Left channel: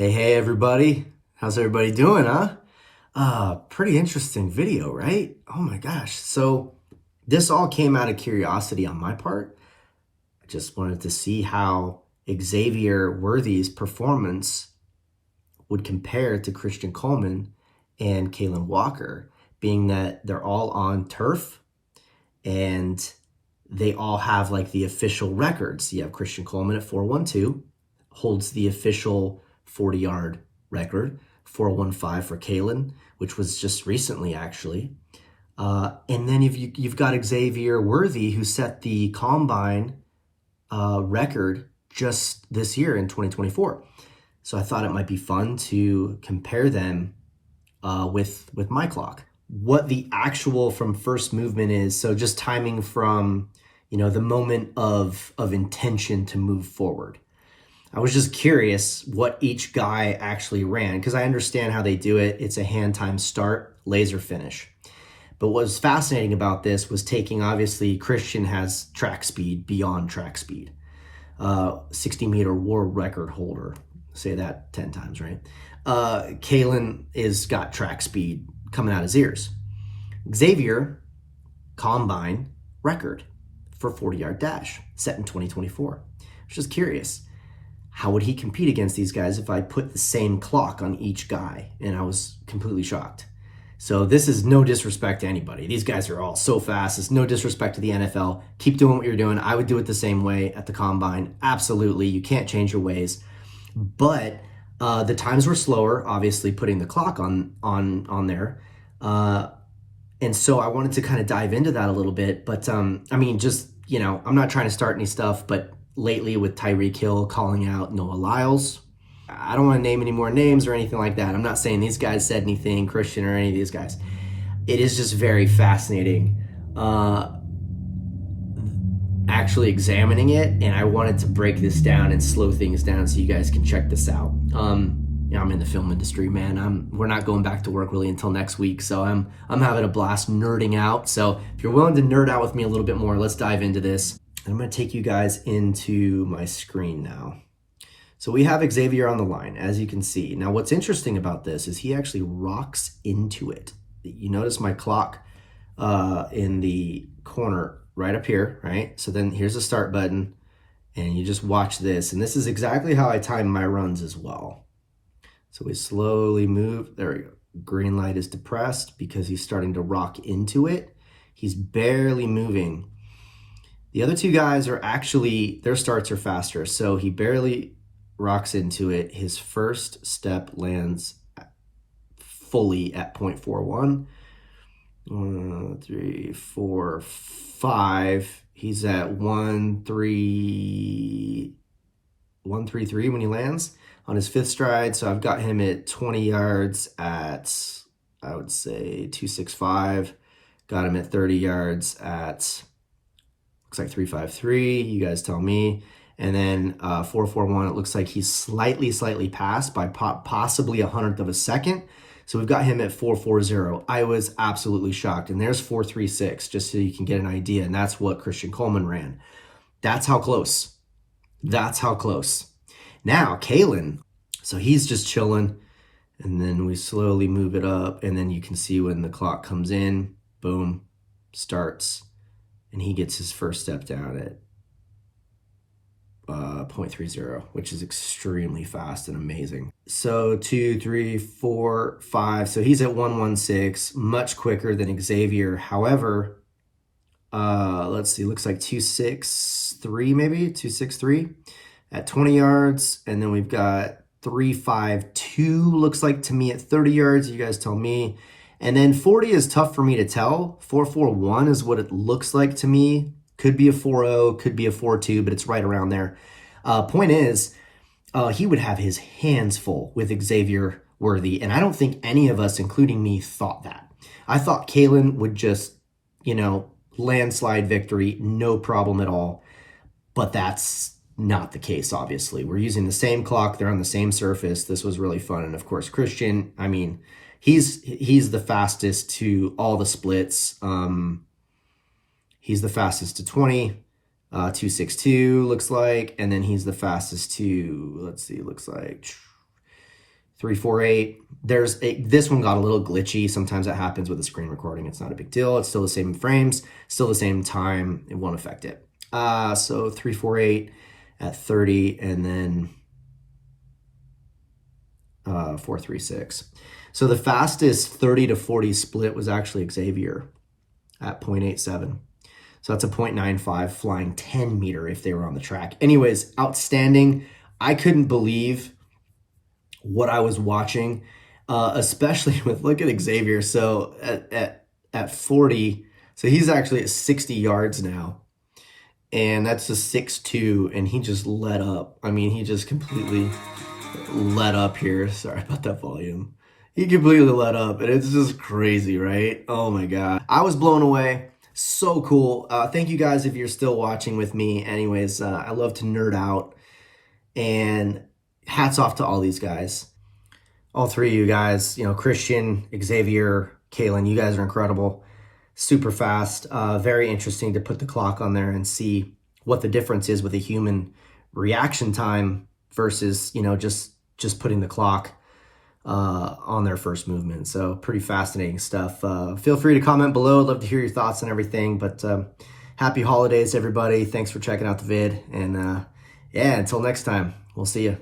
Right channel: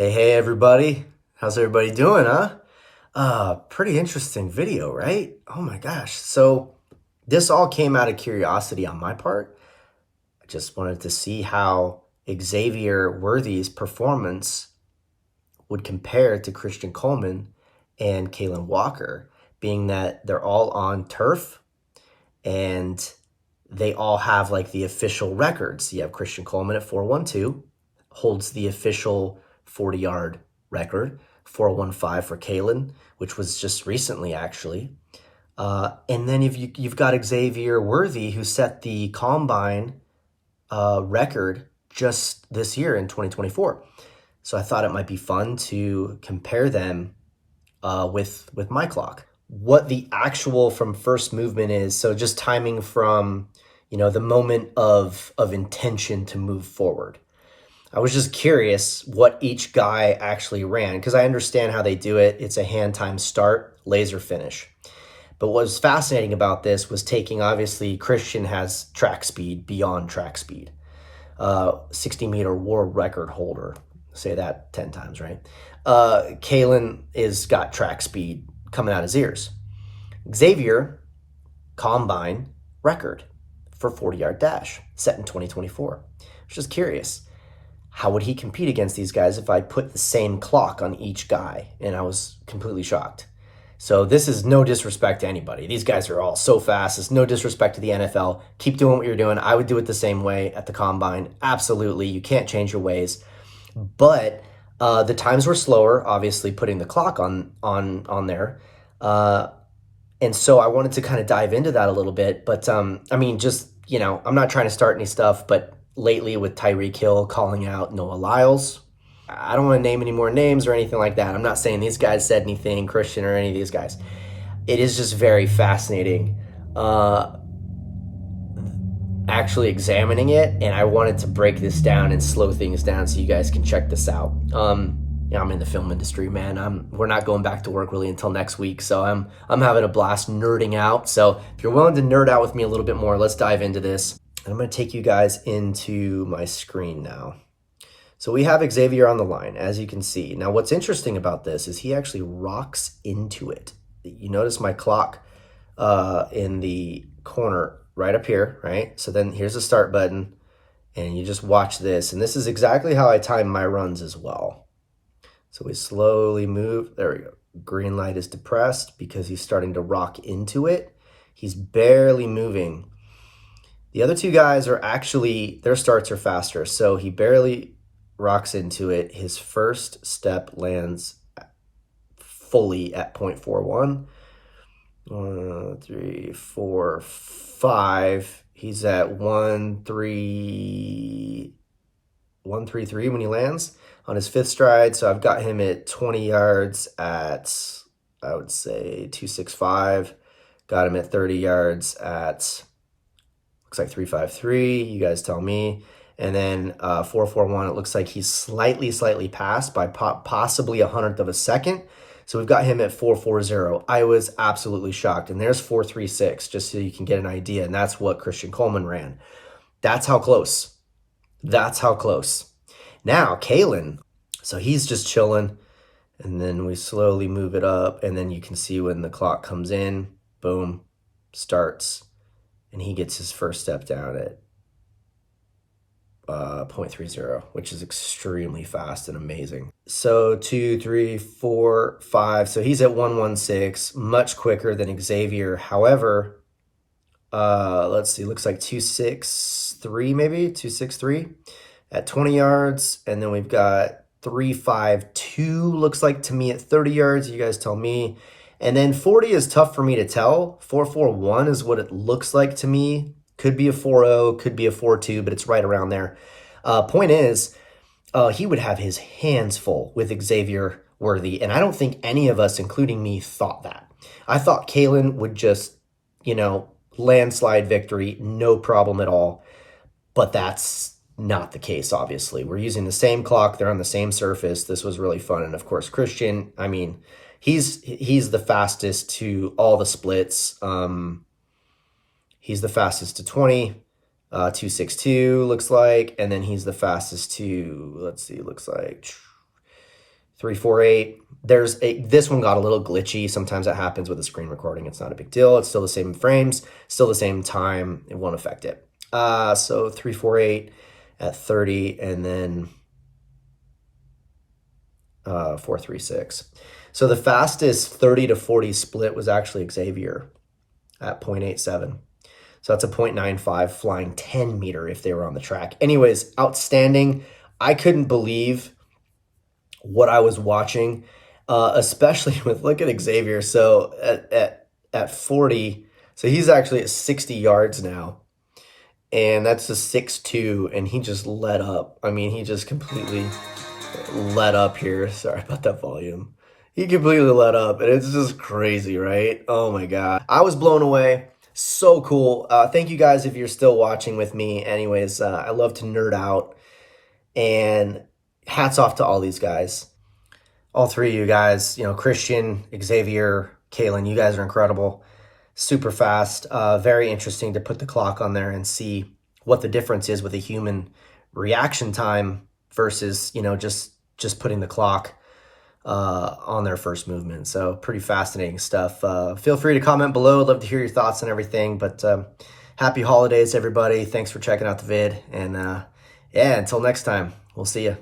Hey everybody. How's everybody doing, huh? Pretty interesting video, right? Oh my gosh. So this all came out of curiosity on my part. I just wanted to see how Xavier Worthy's performance would compare to Christian Coleman and Kalen Walker, being that they're all on turf and they all have like the official records. You have Christian Coleman at 4.12, holds the official 40-yard record, 4.15 for Kalen, which was just recently actually. And then you've got Xavier Worthy, who set the combine record just this year in 2024. So I thought it might be fun to compare them with my clock. What the actual from first movement is, so just timing from, the moment of intention to move forward. I was just curious what each guy actually ran, because I understand how they do it. It's a hand time start, laser finish. But what was fascinating about this was taking, obviously, Christian has track speed beyond track speed. 60-meter world record holder. Say that 10 times, right? Kalen is got track speed coming out his ears. Xavier, combine record for 40-yard dash, set in 2024. I was just curious. How would he compete against these guys if I put the same clock on each guy? And I was completely shocked. So this is no disrespect to anybody. These guys are all so fast. It's no disrespect to the NFL. Keep doing what you're doing. I would do it the same way at the combine. Absolutely. You can't change your ways. But the times were slower, obviously putting the clock on there. And so I wanted to kind of dive into that a little bit. But I'm not trying to start any stuff, but lately with Tyreek Hill calling out Noah Lyles, I don't want to name any more names or anything like that. I'm not saying these guys said anything, Christian or any of these guys. It is just very fascinating actually examining it, and I wanted to break this down and slow things down so you guys can check this out. I'm in the film industry, man. We're not going back to work really until next week, so I'm having a blast nerding out. So if you're willing to nerd out with me a little bit more, let's dive into this. I'm going to take you guys into my screen now. So we have Xavier on the line, as you can see. Now, what's interesting about this is he actually rocks into it. You notice my clock in the corner right up here, right? So then here's the start button, and you just watch this. And this is exactly how I time my runs as well. So we slowly move. There we go. Green light is depressed because he's starting to rock into it. He's barely moving. The other two guys are actually, their starts are faster. So he barely rocks into it. His first step lands fully at 0.41. 1, 3, 4, 5. He's at 1.33 when he lands on his fifth stride. So I've got him at 20 yards at, I would say, 2.65. Got him at 30 yards at, looks like 3.53. You guys tell me. And then 4.41, it looks like he's slightly past by possibly 1/100 of a second. So we've got him at 4.40. I was absolutely shocked. And there's 4.36, just so you can get an idea. And that's what Christian Coleman ran. That's how close. That's how close. Now, Kalen, so he's just chilling. And then we slowly move it up. And then you can see when the clock comes in, boom, starts. And he gets his first step down at 0.30, which is extremely fast and amazing. So 2, 3, 4, 5. So he's at 1.16, much quicker than Xavier. However, let's see, looks like 2.63 maybe, 2.63 at 20 yards. And then we've got 3.52, looks like to me at 30 yards. You guys tell me. And then 40 is tough for me to tell. 4.41 is what it looks like to me. Could be a 4.0, could be a 4.2, but it's right around there. Point is, he would have his hands full with Xavier Worthy, and I don't think any of us, including me, thought that. I thought Kalen would just, landslide victory, no problem at all, but that's not the case, obviously. We're using the same clock. They're on the same surface. This was really fun, and of course, Christian, he's the fastest to all the splits. He's the fastest to 20, 2.62 looks like, and then he's the fastest to, let's see, looks like 348. This one got a little glitchy. Sometimes that happens with a screen recording. It's not a big deal. It's still the same frames, still the same time. It won't affect it. So 348 at 30, and then 436. So the fastest 30 to 40 split was actually Xavier at 0.87. So that's a 0.95 flying 10 meter if they were on the track. Anyways, outstanding. I couldn't believe what I was watching, especially with, look at Xavier. So at 40, so he's actually at 60 yards now. And that's a 6'2", and he just let up. I mean, he just completely let up here. Sorry about that volume. He completely let up, and it's just crazy, right? Oh my God. I was blown away. So cool. Thank you guys if you're still watching with me. Anyways, I love to nerd out, and hats off to all these guys. All three of you guys, you know, Christian, Xavier, Kalen, you guys are incredible. Super fast. Very interesting to put the clock on there and see what the difference is with a human reaction time versus, you know, just putting the clock on their first movement. So pretty fascinating stuff. Feel free to comment below. I'd love to hear your thoughts and everything. But happy holidays, everybody. Thanks for checking out the vid. And yeah, until next time, we'll see you.